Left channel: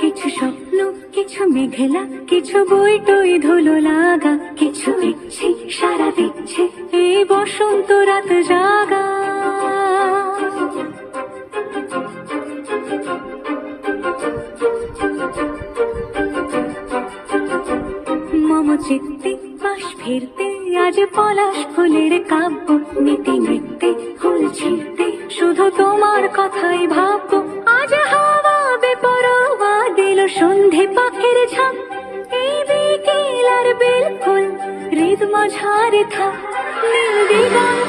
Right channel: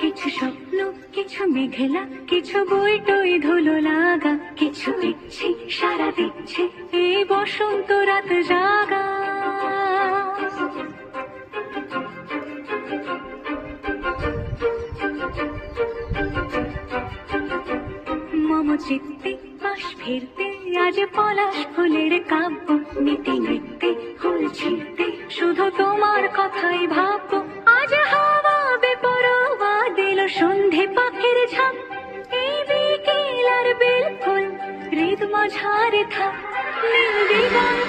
কিছু স্বপ্ন, কিছু মেঘলা, কিছু বই টই ধুলো লাগা, কিছু ইচ্ছে সারা দিচ্ছে এই বসন্ত রাত জাগা। মম চিত্তে পাশ ফিরতে আজ পলাশ ফুলের কাব্য, নিতে নিতে ফুল ছিঁড়তে শুধু তোমার কথাই ভাববো। আজ হাওয়া বেপরোয়া দিল সন্ধে পাখির ঝাঁক, এই বিকেল আর বেল ফুল হৃদ মাঝারে থাক নীল দিগন্ত